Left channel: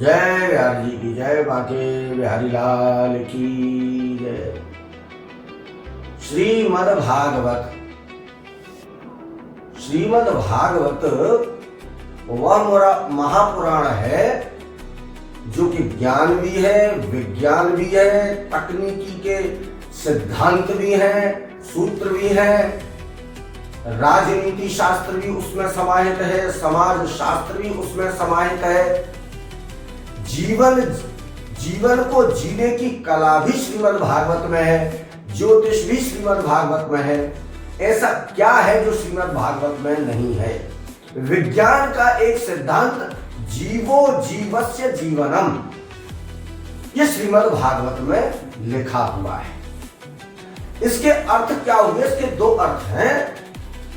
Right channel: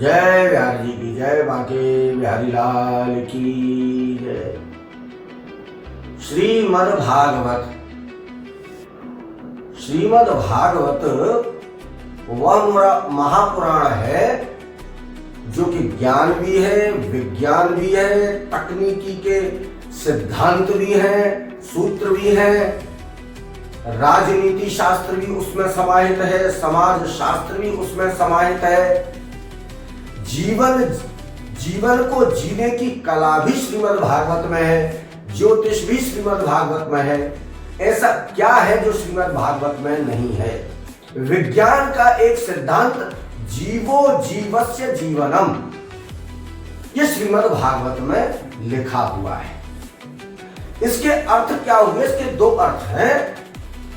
जय बिहारी जी की जय, बाके बिहारी लाल की जय। श्रीमद् भागवत। श्रीमद् भागवत वह महापुराण है जो कि ज्ञान भी है, विज्ञान भी है, तकनीकी के सिद्धांत भी है, सूत्र भी है, राजनीति शास्त्र भी उसमें समाहित है, समाज शास्त्र भी उसमें समाहित है, जीवन को जीने की कला भी श्रीमद् भागवत में है, ज्योतिष भी श्रीमद् भागवत में है। ऐसा क्या है जो श्रीमद् भागवत में नहीं है? विज्ञान का एक सिद्धांत जीवो जीवस्य जीवनम, ये श्रीमद् भागवत में लिखा हुआ है। इसके अर्थ क्या हुए? इसके दो अर्थ हैं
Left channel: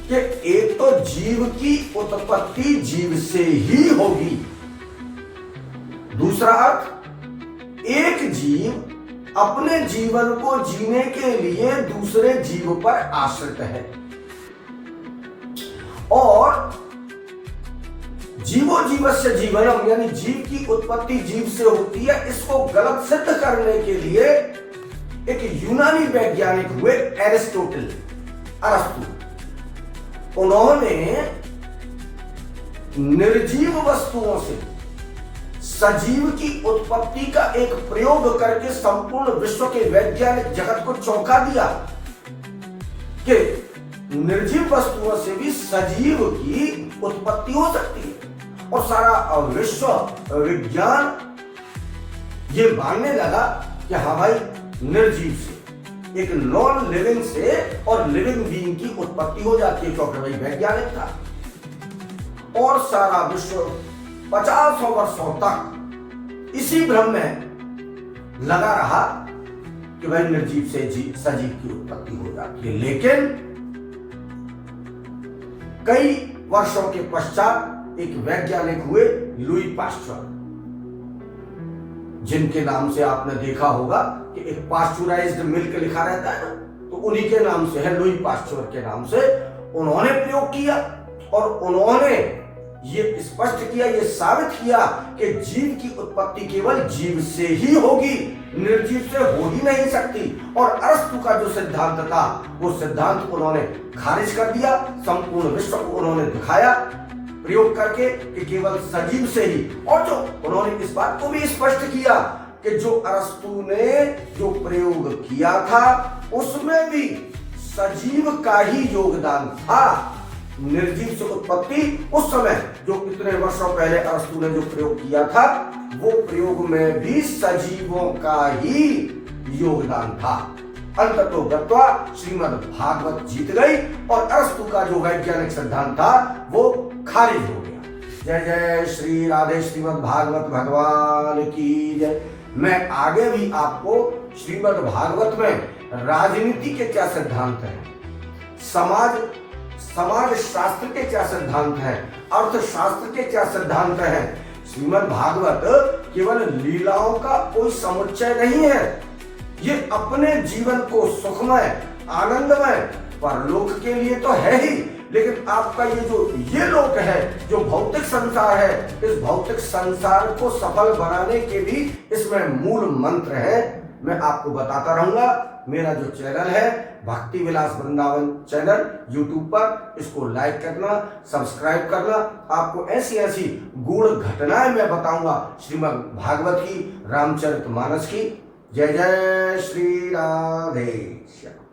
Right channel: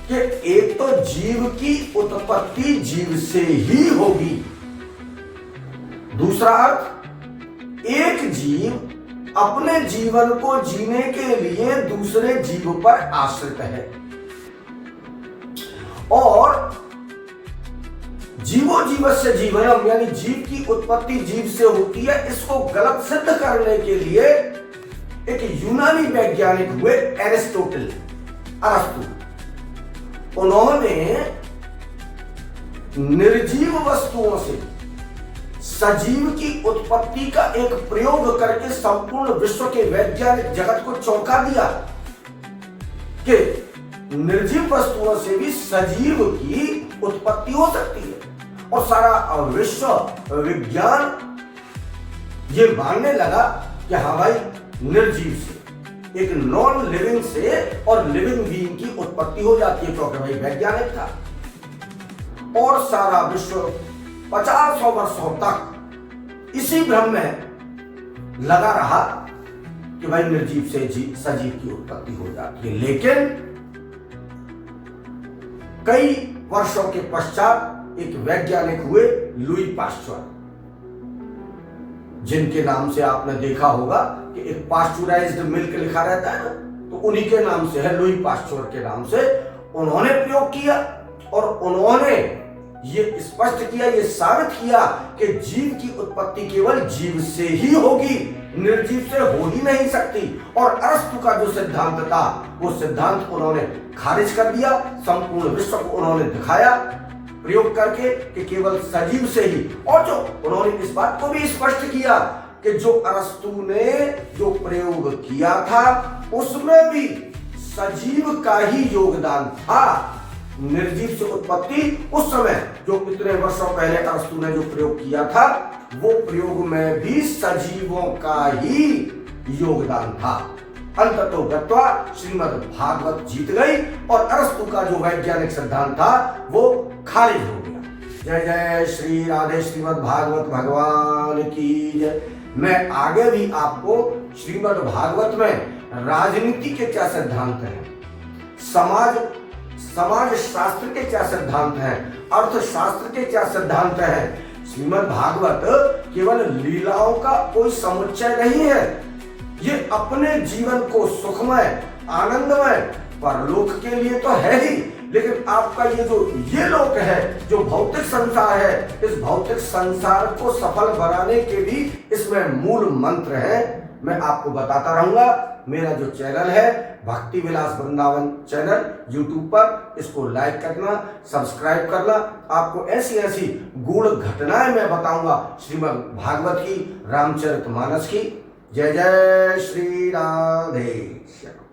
कि एक तो जीव की उत्पत्ति जीव से ही होगी, दूसरा अर्थ एक जीव अपने जीवन को जीने के लिए दूसरे जीव पर आश्रित है, और जीवो जीवस्य जीवनम यानी जीव की उत्पत्ति जीव से होती है। इसको गलत सिद्ध करने के लिए एक यूनानी वैज्ञानिक हुए अरिस्टोटल, अरस्तु। उन्होंने निर्जीव वस्तुओं से सजीव की उत्पत्ति का एक प्रयोग करके संपूर्ण विश्व के वैज्ञानिक जगत को चौंका दिया कि निर्जीव वस्तुओं से भी सजीव की उत्पत्ति हो सकती है। और सारा विश्व विज्ञान ये मानने लगा कि हाँ भाई, निर्जीव से, एक नॉन लिविंग से और लिविंग बीइंग की उत्पत्ति हो जाती है, क्योंकि भाई वैज्ञानिक था। और सारा विश्व 50 वर्षों तक इसी भ्रम में लगा रहा कि भाई निर्जीव से सजीव की उत्पत्ति हो जाती है। लेकिन कई वर्षों के पश्चात एक वैज्ञानिक हुए लुई पाश्चर, जिनके नाम से आपने देखा होगा कि एक पाश्चराइज्ड मिल्क लिखा रहता है ना, तो उन्हीं के नाम से है, लुई पाश्चर के नाम से। उन्होंने प्रयोग किया और उन्होंने ये स्पष्ट किया, ये साबित किया कि जीव की उत्पत्ति केवल जीव से ही होगी, निर्जीव से हो ही नहीं सकती। और अरस्तु का जो सिद्धांत था वो सिद्धांत उन्होंने खारिज कर दिया। संपूर्ण विश्व को उन्होंने दिखाया प्रयोग करके कि केवल सजीव से ही। और जो उन्होंने इस बात को भी स्पष्ट किया कि जो अरस्तु ने जो प्रयोग किया था उसमें भी सजीव का ही योगदान था। निर्जीव से उत्पत्ति उस समय जो इतने वर्षों पहले अरस्तु ने जो प्रयोग किया था, वो प्रयोग में भी सजीवों का ही योगदान था। अंततो गत्वा श्रीमद् भागवत जीत गई और अरस्तु का जो वैज्ञानिक सिद्धांत था वो खारिज हो गया। जय जय श्री राधे श्रीमद् भागवत भगवान की जय। मैं आगे भी आपको श्रीमद् भागवत में राजनीति के क्या सिद्धांत हैं, समाज शास्त्र के क्या सिद्धांत हैं, अर्थशास्त्र के क्या सिद्धांत हैं। श्रीमद् भागवत केवल लीलाओं का कोई समुच्चय नहीं है, ये अपने जीवन को सुखमय, आनंदमय, परलोक के लिए तो है ही, लेकिन आपका ये लोक है, जो भौतिक संसार है, इस भौतिक संसार को सफल बनाने के भी इसमें मूल मंत्र है। मैं आपको बताता रहूंगा। मेरा जो चैनल है भक्ति विलास वृंदावन चैनल यूट्यूब पर, इसको लाइक करना, सब्सक्राइब करना। आपको ऐसी ऐसी गूढ़ घटनाएं मैं बताऊंगा श्रीमद् भागवत की, रामचरितमानस की। जय जय श्री राधे श्याम।